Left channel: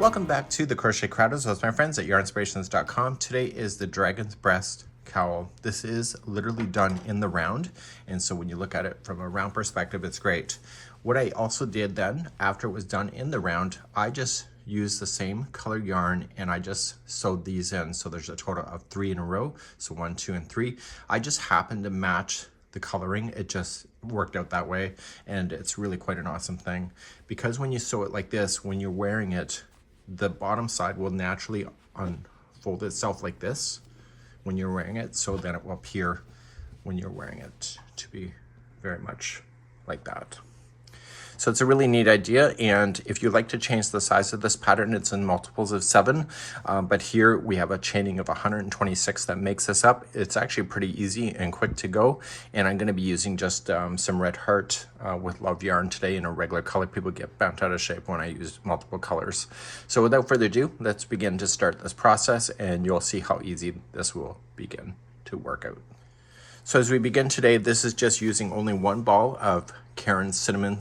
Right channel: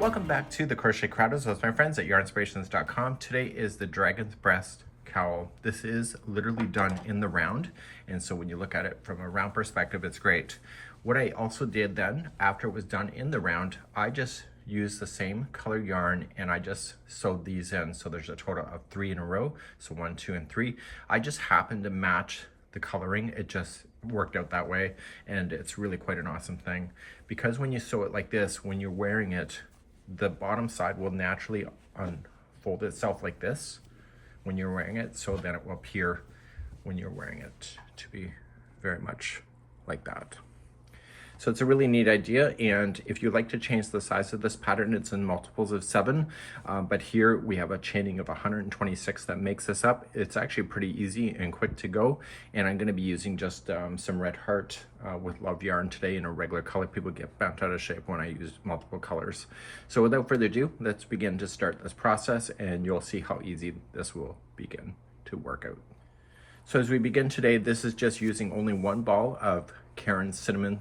Welcome back to the Crochet Crowd with my friends at Yarnspirations.com. Today is the Dragon Breasted Cowl. This is literally done in the round, and so when you look at it from a round perspective, it's great. What I also did then, after it was done in the round, I just used the same color yarn and I just sewed these in. So there's a total of 3 in a row, so 1, 2, and 3. I just happened to match the coloring. It just worked out that way, and it's really quite an awesome thing because when you sew it like this, when you're wearing it, the bottom side will naturally unfold itself like this when you're wearing it, so then it will appear when you're wearing it to be very much like that. So it's a really neat idea, and if you'd like to change the size of this pattern, it's in multiples of 7, but here we have a chaining of 126 that makes this up. It's actually pretty easy and quick to go, and I'm going to be using just some red heart with love yarn today in a regular color. People get bent out of shape when I use multiple colors. So without further ado, let's begin to start this process, and you'll see how easy this will begin to work out. So as we begin today, this is just using only one ball of Karen's Cinnamon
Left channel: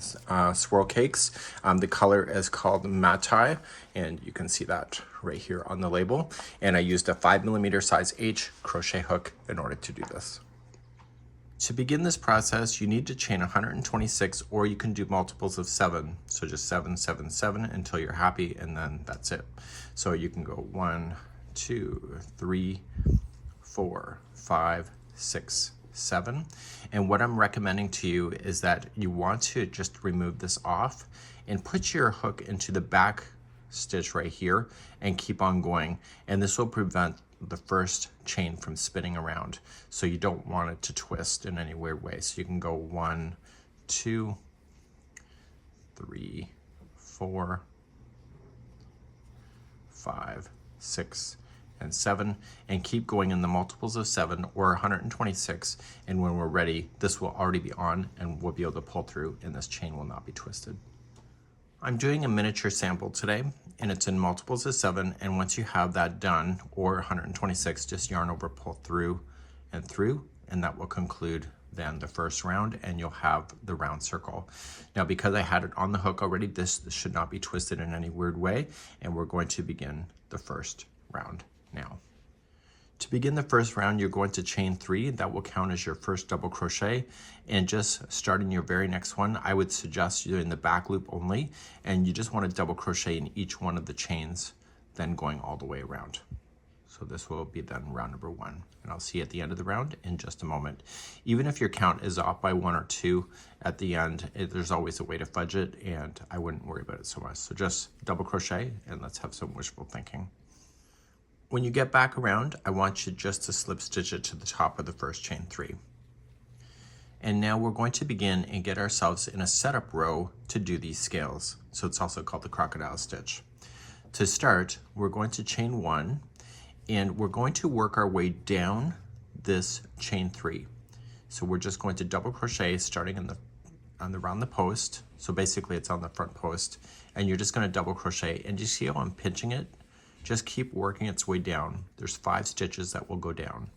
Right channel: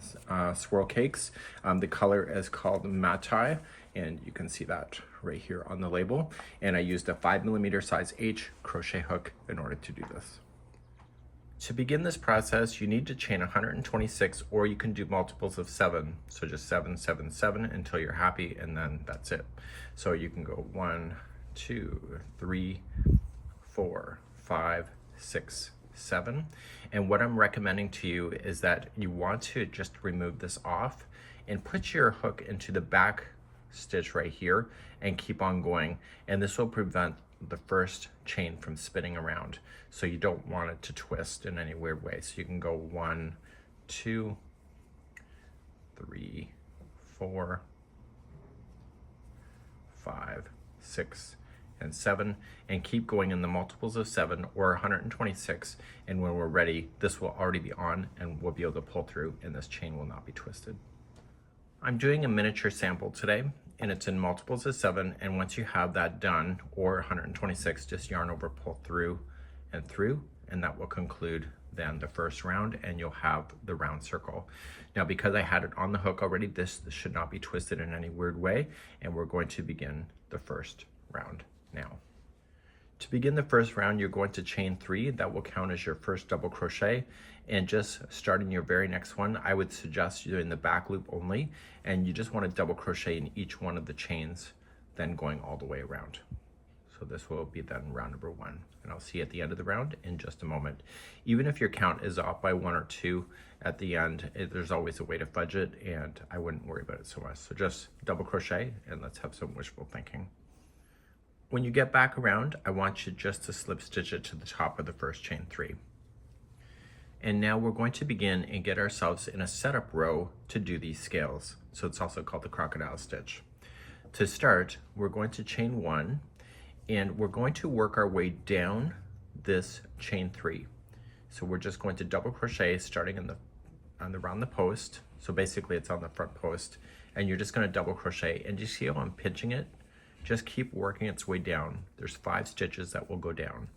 Swirl Cakes. The color is called Matai, and you can see that right here on the label. And I used a 5mm size H crochet hook in order to do this. To begin this process, you need to chain 126, or you can do multiples of 7. So just 7, 7, 7 until you're happy, and then that's it. So you can go 1, 2, 3, 4, 5, 6, 7. And what I'm recommending to you is that you want to just remove this off and put your hook into the back stitch right here and keep on going. And this will prevent the first chain from spinning around. So you don't want it to twist in any weird way. So you can go 1, 2, 3, 4, 5, 6, and 7, and keep going in the multiples of 7 or 126, and when we're ready, this will already be on and we'll be able to pull through and this chain will not be twisted. I'm doing a miniature sample today, and it's in multiples of 7, and once you have that done, or 126, just yarn over, pull through, and that will conclude then the first round, and you'll have the round circle. Now, because I had it on the hook already, this should not be twisted in any weird way, and we're going to begin the first round now. To begin the first round, you're going to chain 3. That will count as your first double crochet, and just starting your very next one, I would suggest doing the back loop only, and you just want to double crochet in each one of the chains, then going all the way around. So this will be then round number 1, and I'll see you at the end of the round in just a moment. Even if your count is off by 1 or 2 at the end, there's always a way to fudge it, and I wouldn't worry about it so much. So just double crochet, and let's have some wishful thinking. When you get back around, I want you just to slip stitch it to the top of the first chain 3. And now we're going to begin and get ourselves in a setup row to do these scales. So it's also called the crocodile stitch. To start, we're going to chain 1, and we're going to work our way down this chain 3. So we're just going to double crochet starting around the post. So basically it's on the front post, and you're just going to double crochet, and you see how I'm pinching it? Just keep working its way down. There's 5 stitches that will go down.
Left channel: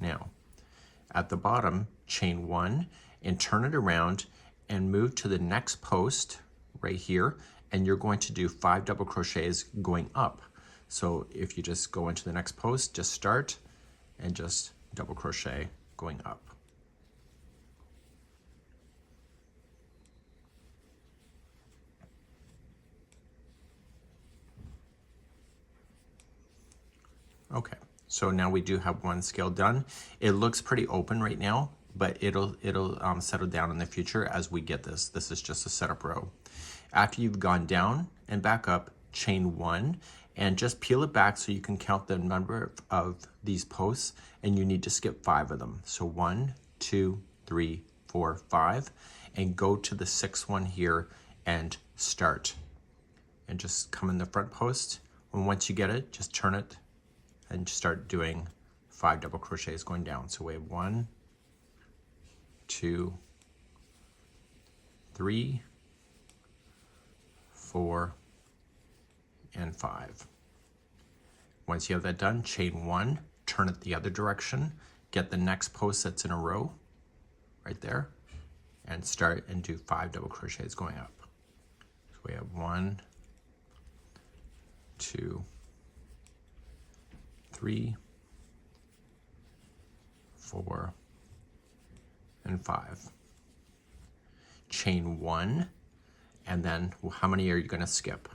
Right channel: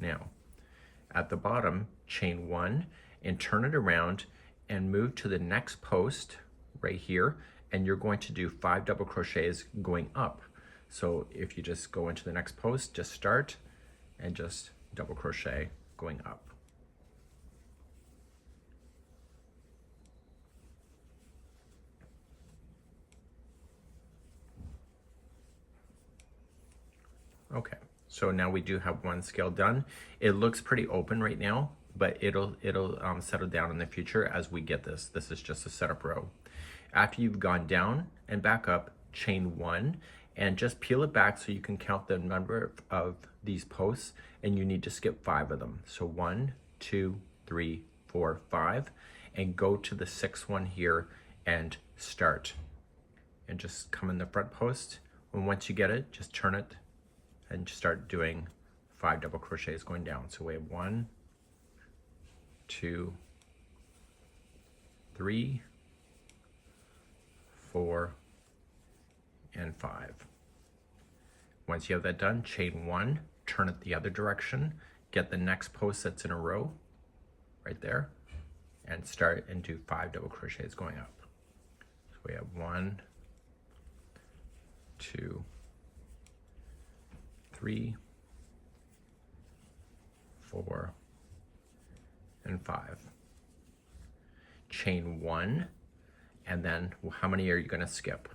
Now, at the bottom, chain 1 and turn it around and move to the next post right here, and you're going to do 5 double crochets going up. So if you just go into the next post, just start and just double crochet going up. Okay, so now we do have 1 scale done. It looks pretty open right now, but it'll settle down in the future as we get this. This is just a setup row. After you've gone down and back up, chain 1 and just peel it back so you can count the number of these posts, and you need to skip 5 of them. So 1, 2, 3, 4, 5, and go to the 6th one here and start. And just come in the front post, and once you get it, just turn it and start doing 5 double crochets going down. So we have 1, 2, 3, 4, and 5. Once you have that done, chain 1, turn it the other direction, get the next post that's in a row right there, and start and do 5 double crochets going up. So we have 1, 2, 3, 4, and 5. Chain 1, and then how many are you going to skip?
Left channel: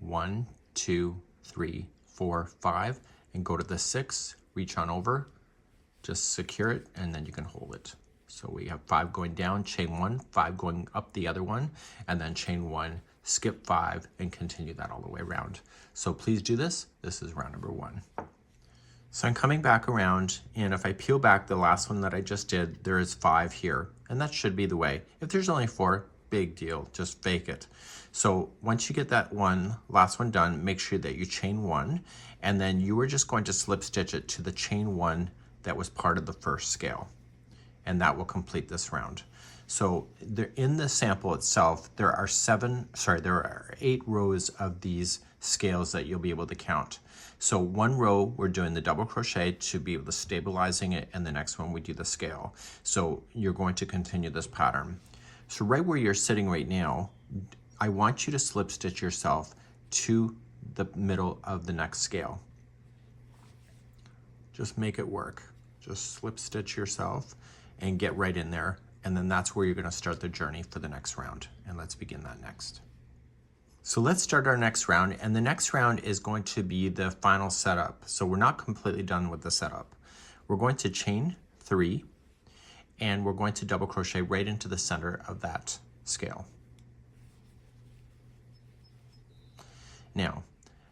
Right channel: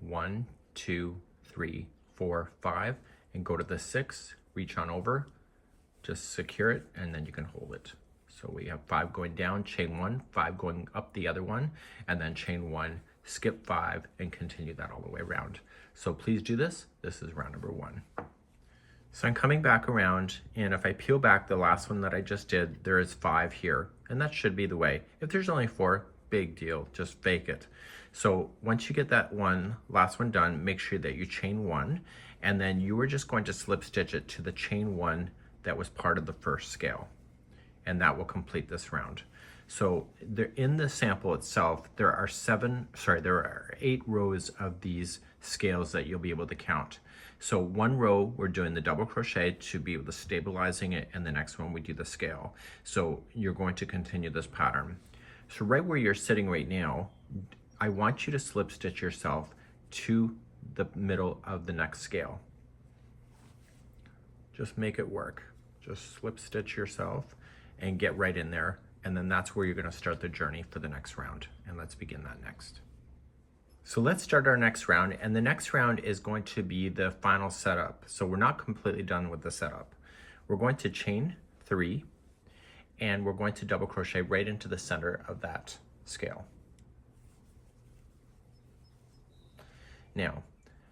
1, 2, 3, 4, 5, and go to the 6, reach on over, just secure it, and then you can hold it. So we have 5 going down, chain 1, 5 going up the other one, and then chain 1, skip 5, and continue that all the way around. So please do this. This is round number 1. So I'm coming back around, and if I peel back the last one that I just did, there is 5 here, and that should be the way. If there's only 4, big deal, just fake it. So once you get that last one done, make sure that you chain 1, and then you are just going to slip stitch it to the chain 1 that was part of the first scale, and that will complete this round. So there, in the sample itself, there are 8 rows of these scales that you'll be able to count. So one row we're doing the double crochet to be able to stabilizing it, and the next one we do the scale. So you're going to continue this pattern. So right where you're sitting right now, I want you to slip stitch yourself to the middle of the next scale. Just make it work. Just slip stitch yourself and get right in there, and then that's where you're going to start the journey for the next round. And let's begin that next. So let's start our next round, and the next round is going to be the final setup. So we're not completely done with the setup. We're going to chain 3, and we're going to double crochet right into the center of that scale. Now,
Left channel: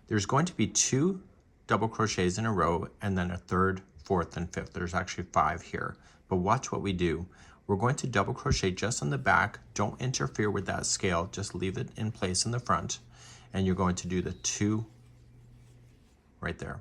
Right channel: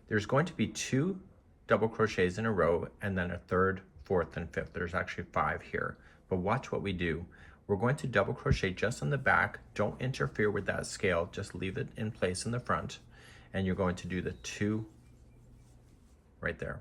there's going to be 2 double crochets in a row, and then a 3rd, 4th, and 5th. There's actually 5 here, but watch what we do. We're going to double crochet just on the back. Don't interfere with that scale, just leave it in place in the front, and you're going to do the 2 right there.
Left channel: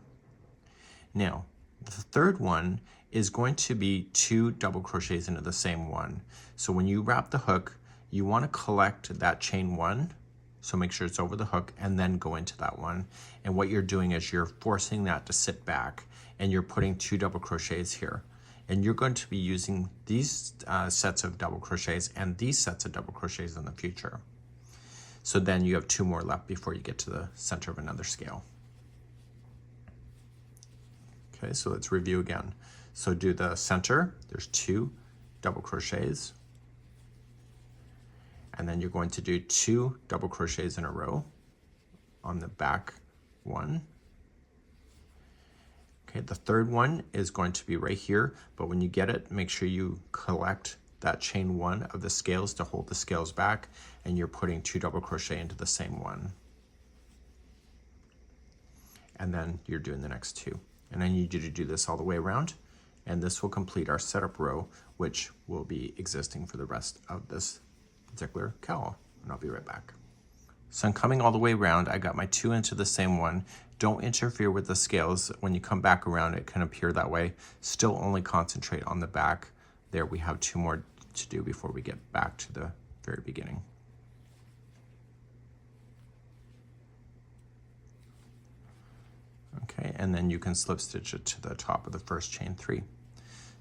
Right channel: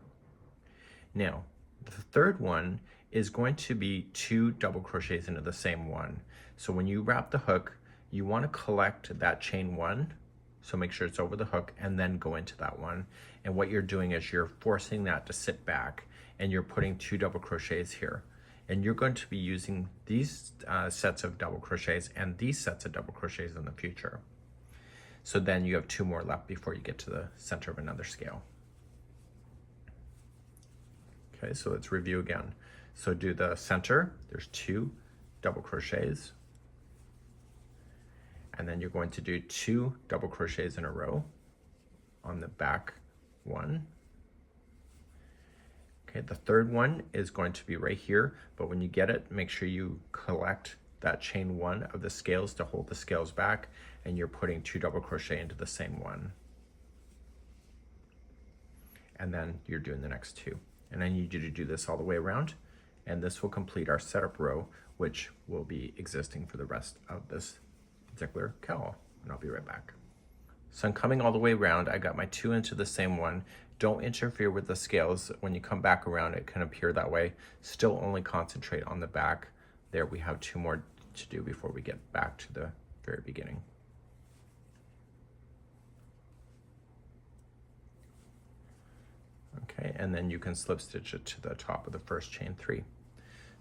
Now, the 3rd one is going to be 2 double crochets into the same one. So when you wrap the hook, you want to collect that chain 1, so make sure it's over the hook, and then go into that one. And what you're doing is you're forcing that to sit back, and you're putting 2 double crochets here. And you're going to be using these sets of double crochets and these sets of double crochets in the future. So then you have 2 more left before you get to the center of another scale. Okay, so let's review again. So do the center, there's 2 double crochets, and then you're going to do 2 double crochets in a row on the back one. Okay, the 3rd one is going to be right here, but when you get it, make sure you collect that chain 1 of the scales to hold the scales back, and you're putting 2 double crochet into the same one. And then you're doing the next 2. And I need you to do this all the way around, and this will complete our setup row, which will be existing for the rest of this particular cowl. And I'll be right back. So I'm coming all the way around. I got my 2 into the same one. Don't interfere with the scales. When you come back around, it can appear that way. Still only concentrate on the back. There, we have 2 more to do before we get back to the very beginning. Okay, and then you can slip stitch it to the top of the first chain 3.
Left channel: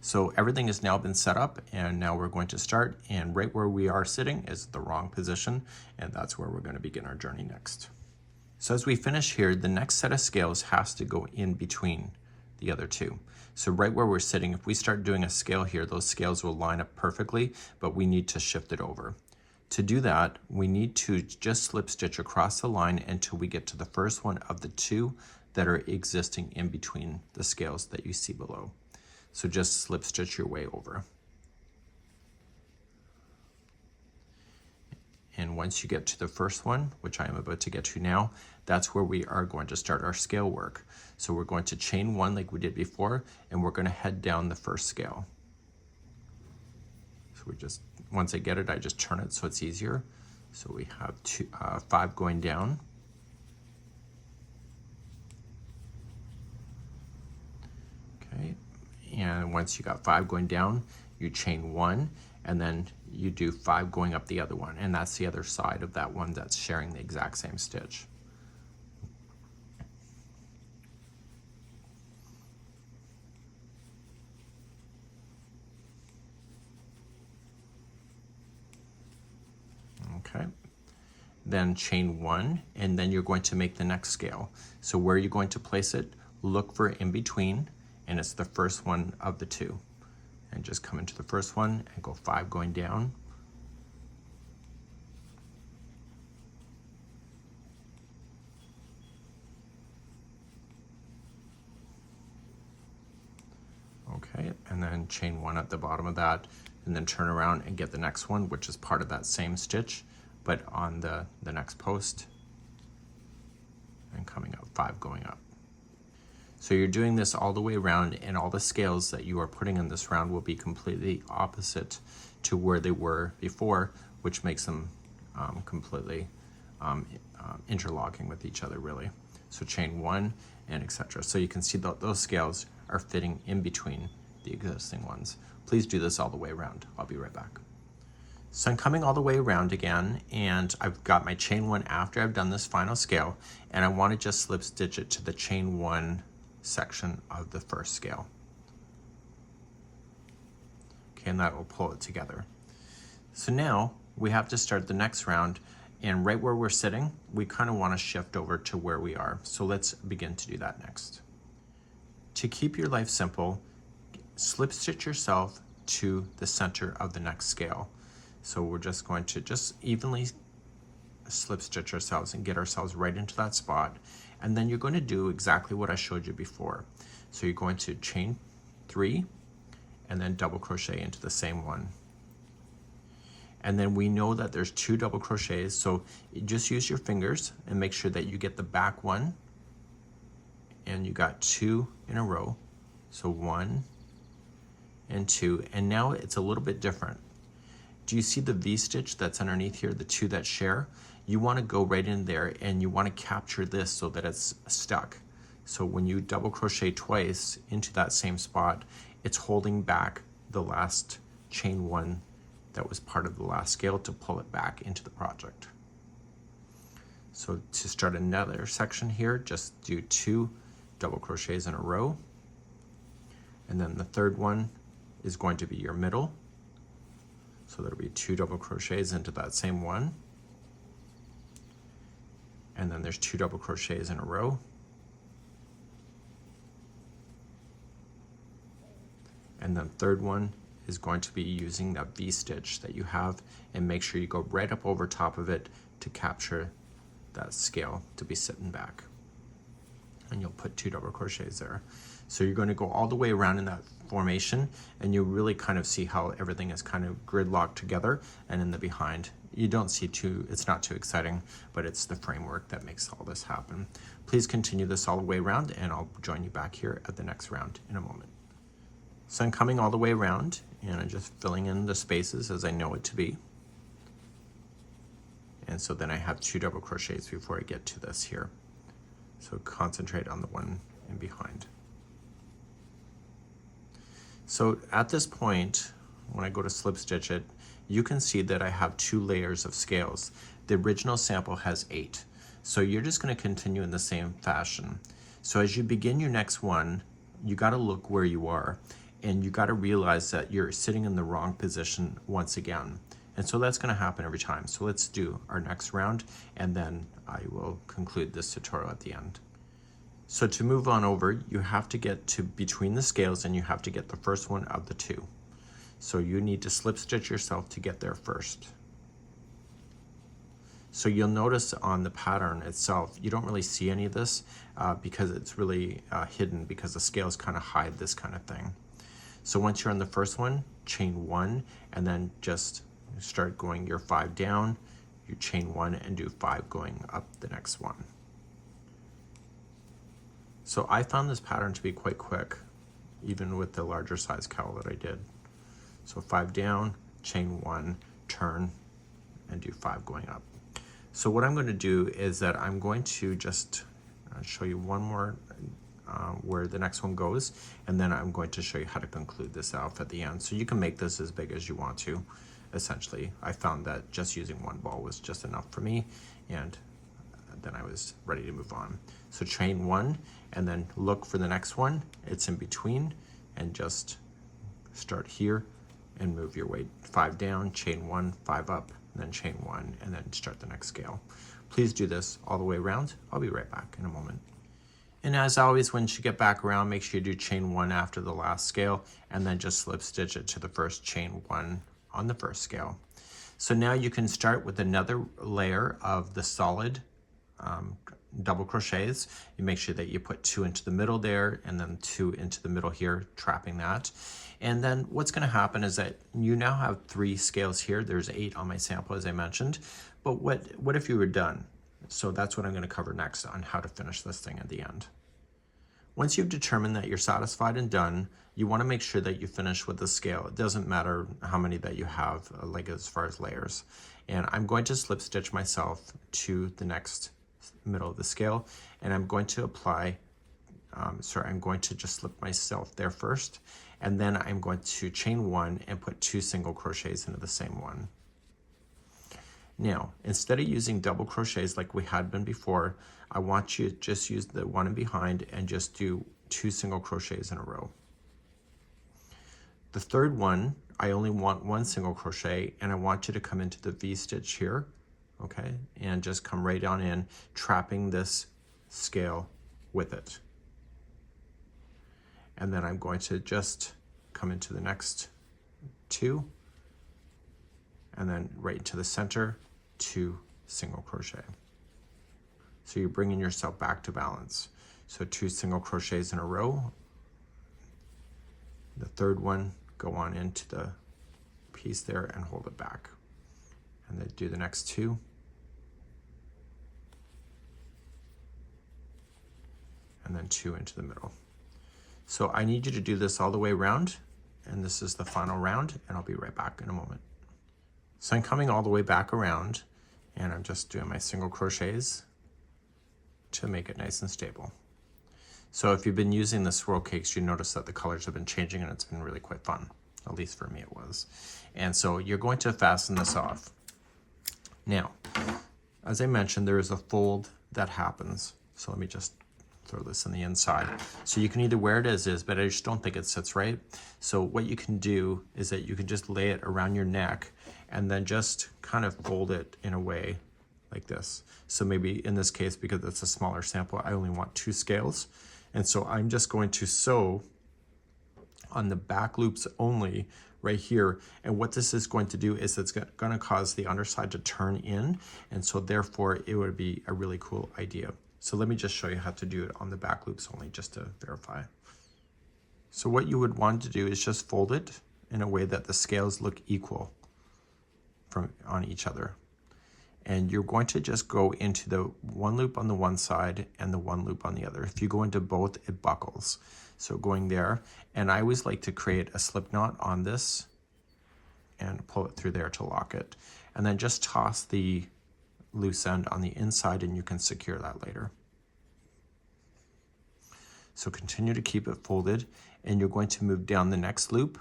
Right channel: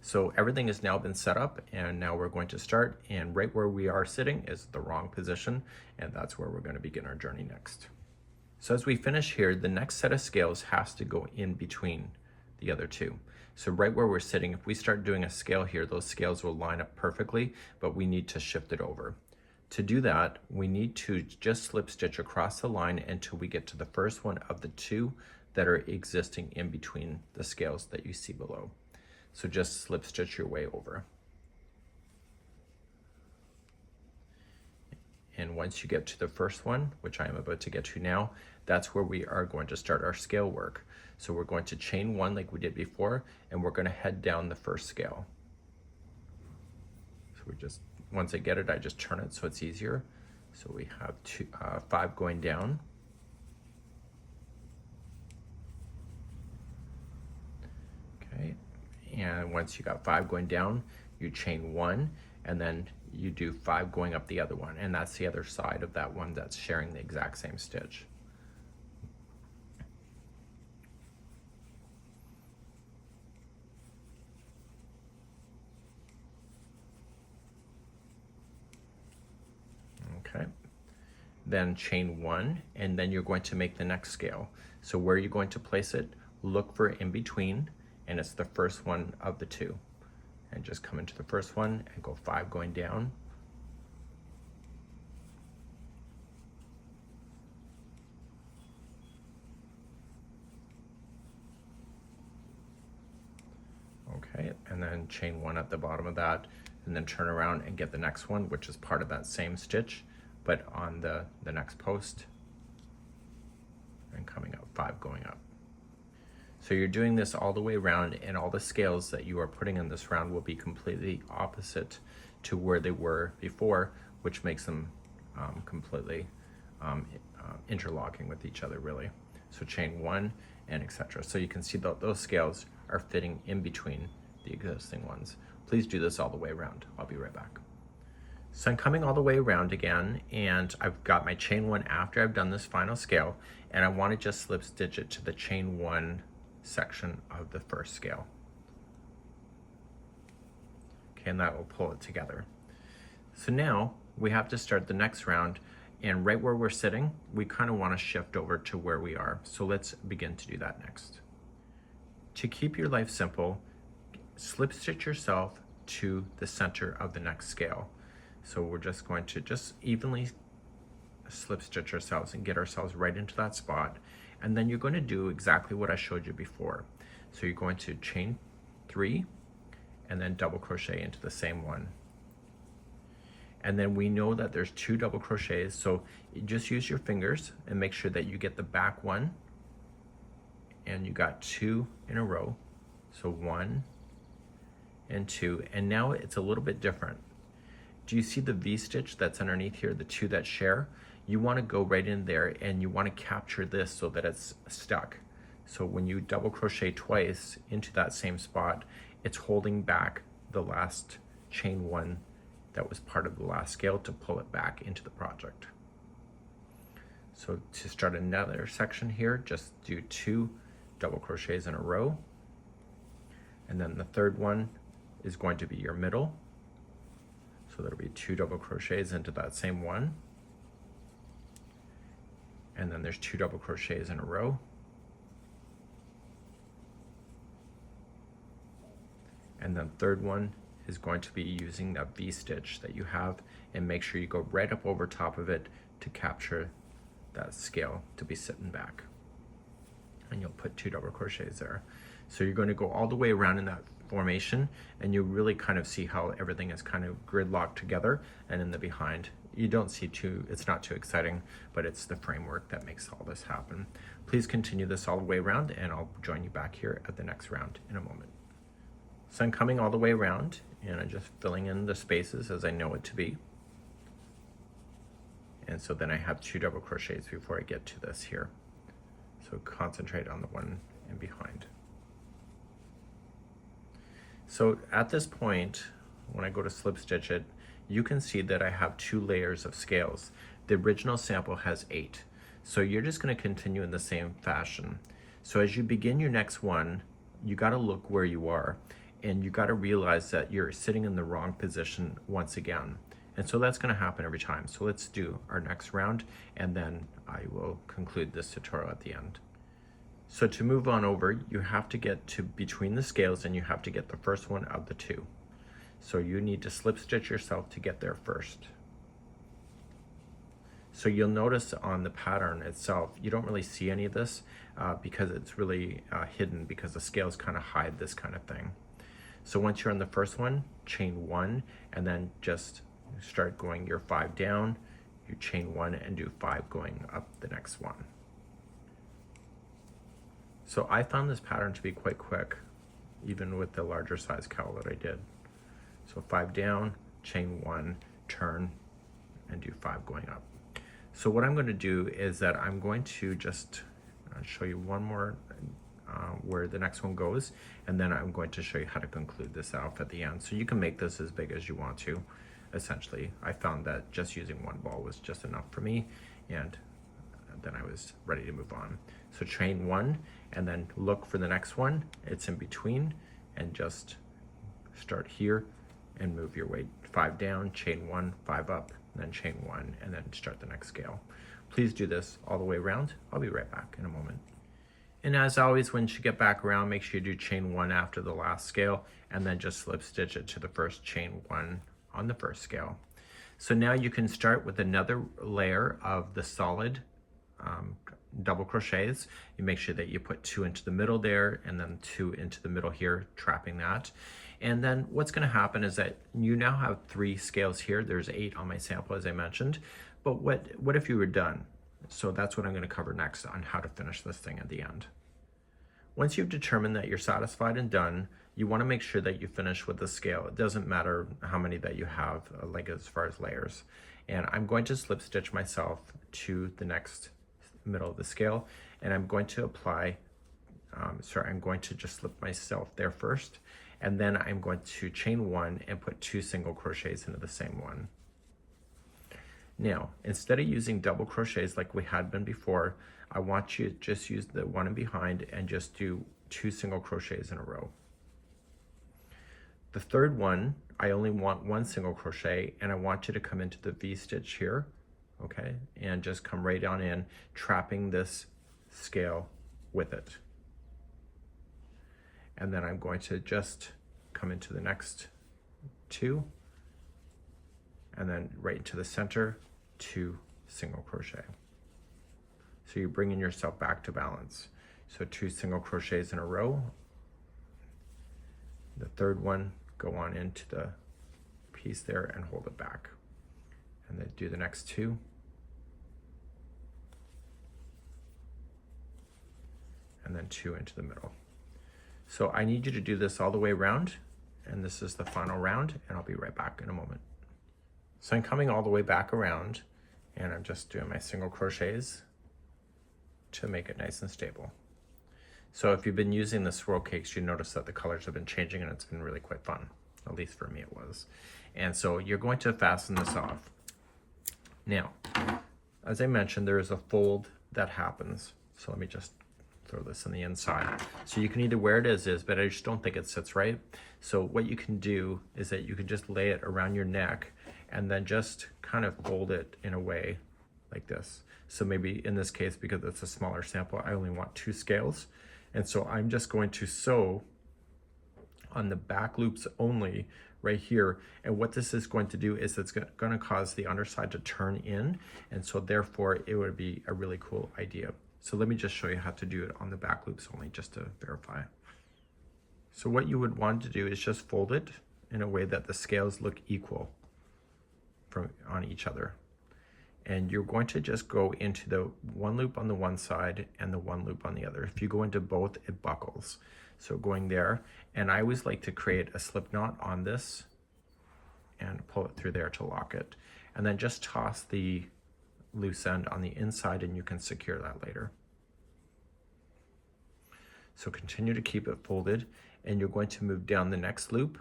So everything has now been set up, and now we're going to start, and right where we are sitting is the wrong position, and that's where we're going to begin our journey next. So as we finish here, the next set of scales has to go in between the other 2. So right where we're sitting, if we start doing a scale here, those scales will line up perfectly, but we need to shift it over. To do that, we need to just slip stitch across the line until we get to the first one of the 2 that are existing in between the scales that you see below. So just slip stitch your way over. And once you get to the first one, which I am about to get to now, that's where we are going to start our scale work. So we're going to chain 1 like we did before, and we're going to head down the first scale. So we just, once I get it, I just turn it so it's easier. So we have 5 going down. Okay, and once you got 5 going down, you chain 1, and then you do 5 going up the other one, and that's the other side of that one that's sharing the exact same stitch. then chain 1, and then you're going to make the next scale. So where you're going to place it, look for in between, and it's the first one of the 2. And just come into the first one and go 5 going down. Okay, and then chain 1 at the bottom of that, and then turn around and get the next one, which is part of that same stitch, but on the next post, and coming up 5 going up. So you're doing this all the way around, and all the scales that you are putting in this round will be completely opposite to where they were before, which makes them completely interlocking with each other, really. So chain 1 and etc. So you can see that those scales are fitting in between the existing ones. Please do this all the way around. I'll be right back. So I'm coming all the way around again, and I've got my chain 1 after I've done this final scale, and I want to just slip stitch it to the chain 1 section of the first scale. Okay, and that will pull it together. So now we have to start the next round, and right where we're sitting, we kind of want to shift over to where we are. So let's begin to do that next. To keep your life simple, slip stitch yourself to the center of the next scale. So we're just going to just evenly slip stitch ourselves and get ourselves right into that spot. And then you're going to do exactly what I showed you before. So you're going to chain 3 and then double crochet into the same one. And then we know that there's 2 double crochets, so you just use your fingers and make sure that you get the back one, and you got 2 in a row. So 1 and 2, and now it's a little bit different. Do you see the V-stitch that's underneath here, the 2 that share? You want to go right in there, and you want to capture this so that it's stuck. So when you double crochet twice into that same spot, it's holding back the last chain 1 that was part of the last scale to pull it back into the project. So to start another section here, just do 2 double crochets in a row, and then the third one is going to be your middle. So there'll be 2 double crochets into that same one, and then there's 2 double crochets in a row, and then third one is going to be using that V-stitch that you have, and make sure you go right up over top of it to capture that scale to be sitting back. And you'll put 2 double crochets there. So you're going to go all the way around in that formation, and you really kind of see how everything is kind of gridlocked together, and in the behind. You don't see it's not too exciting, but it's the framework that makes all this happen. Please continue this all the way around, and I'll join you back here at the next round in a moment. So I'm coming all the way around, and I'm just filling in the spaces as I know it to be. And so then I have 2 double crochets before I get to this here. So concentrate on the one in behind. So at this point, when I go to slip stitch it, you can see that I have 2 layers of scales. The original sample has 8. So you're just going to continue in the same fashion. So as you begin your next one, you got to look where you are, and you got to realize that you're sitting in the wrong position once again. And so that's going to happen every time. So let's do our next round, and then I will conclude this tutorial at the end. So to move on over, you have to get to between the scales, and you have to get the first one of the 2. So you need to slip stitch yourself to get there first. So you'll notice on the pattern itself, you don't really see any of this because it's really hidden, because the scales kind of hide this kind of thing. So once you're on the first one, chain 1, and then just start going your 5 down, you chain 1 and do 5 going up the next one. So I found this pattern to be quite quick, even with the larger size cowl that I did. So 5 down, chain 1, turn, and do 5 going up. So what I'm going to do is that I'm going to just show you one more where the next one goes, and then I'm going to show you how to conclude this off at the end. So you can make this as big as you want to. Essentially, I found that just using one ball was just enough for me, and then I was ready to move on. So chain 1, and then look for the next one. It's in between, and just start here and move your way 5 down, chain 1, 5 up, and then chain 1, and then start the next scale. Please do this all the way around. I'll be right back in a moment. And as always, once you get back around, make sure you do chain 1 after the last scale, and then just slip stitch it to the first chain 1 on the first scale. So now you can start with another layer of the solid double crochets. You make sure that you put 2 into the middle there, and then 2 into the middle here, trapping that. And then what's going to happen is that you now have 3 scales here. There's 8 on my sample, as I mentioned. But what if you were done? So that's what I'm going to cover next on how to finish this thing at the end. Once you've determined that you're satisfied and done, you want to make sure that you finish with the scale. It doesn't matter how many that you have, like as far as layers. And I'm going to slip stitch myself to the next middle of the scale, and I'm going to apply, I'm going to just slip myself there first, and then I'm going to chain 1 and put 2 single crochets into the same one. Now, instead of using double crochets like we had been before, I want you to just use the one in behind and just do 2 single crochets in a row. The third one, I only want 1 single crochet, and I want you to come into the V-stitch here, okay, and just come right on in, trapping this scale with it. And then I'm going to just come into the next 2, and then right into the center, 2 single crochet. So you're bringing yourself back to balance. So 2 single crochets in a row. The third one, go on into the piece there and hold it back. And then do the next 2. And then 2 into the middle. So I need you to do this all the way around, and this is the final round, and I'll be right back in a moment. So I'm coming all the way back around, and I'm just doing my single crochets to make it nice and stable. So if you've been using the swirl cakes, you notice that the colors have been changing, and it's been really quite fun. At least for me it was. And so you're going to fasten this off. Now, as I mentioned, there's a fold that happens. So let me just throw this on the inside. So you can either wear it as is, but I just don't think it sits right. So what you can do is that you can just lay it around your neck and then just kind of fold it in a way like this. So maybe in this case, because it's a smaller sample, I only want 2 scales. And so I'm just going to sew on the back loops only right here. And what this is going to do is it's going to cause the underside to turn in. And so therefore it would be a really cool idea. So let me just show you how to do it on the back loops only, just to verify. So what you would want to do is just fold it in a way that the scales look equal on each other. And you're going to just go into the one loop on the one side and the one loop on the other. If you go into both, it buckles. So going there, and I always like to create a slip knot on this and pull it through there to lock it. And then just toss the loose end on the inside, and you can secure that later. So continue to keep it folded, and you're going to move down the next loop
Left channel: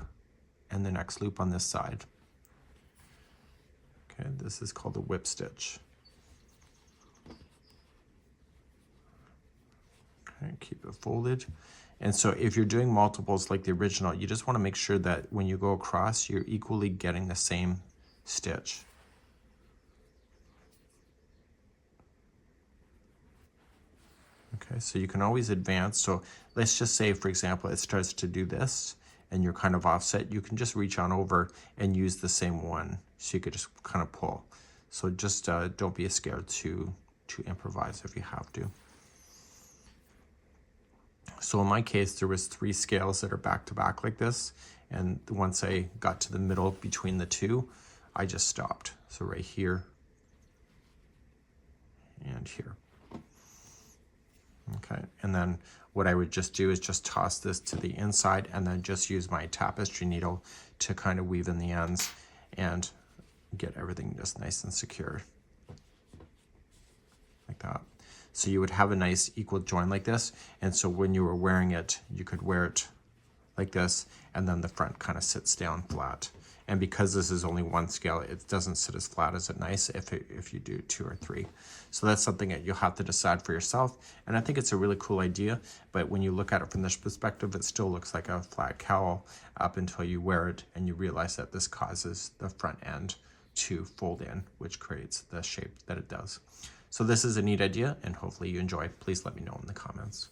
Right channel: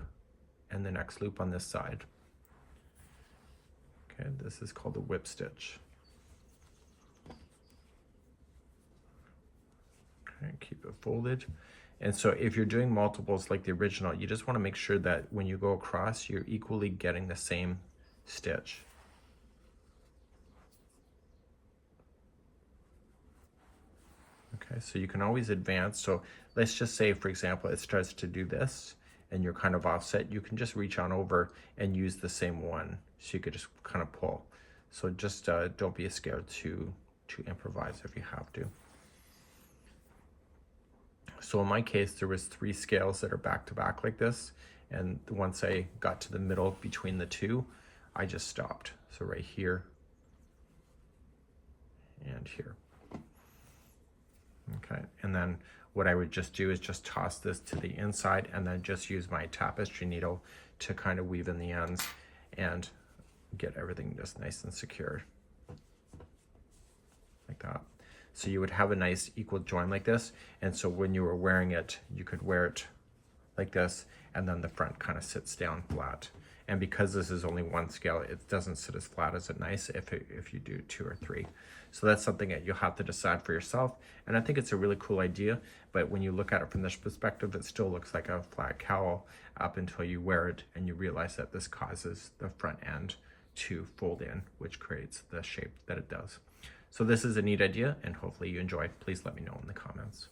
and the next loop on this side. Okay, this is called a whip stitch. Okay, keep it folded. And so if you're doing multiples like the original, you just want to make sure that when you go across, you're equally getting the same stitch. Okay, so you can always advance. So let's just say, for example, it starts to do this and you're kind of offset. You can just reach on over and use the same one. So you could just kind of pull. So just don't be scared to improvise if you have to. So in my case, there was 3 scales that are back to back like this. And once I got to the middle between the 2, I just stopped. So right here and here. Okay, and then what I would just do is just toss this to the inside and then just use my tapestry needle to kind of weave in the ends and get everything just nice and secure like that. So you would have a nice equal join like this, and so when you were wearing it, you could wear it like this, and then the front kind of sits down flat. And because this is only 1 scale, it doesn't sit as flat as it nice if you do 2 or 3. So that's something that you'll have to decide for yourself. And I think it's a really cool idea, but when you look at it from this perspective, it still looks like a flat cowl up until you wear it and you realize that this causes the front end to fold in, which creates the shape that it does. So this is a neat idea, and hopefully you enjoy. Please let me know in the comments.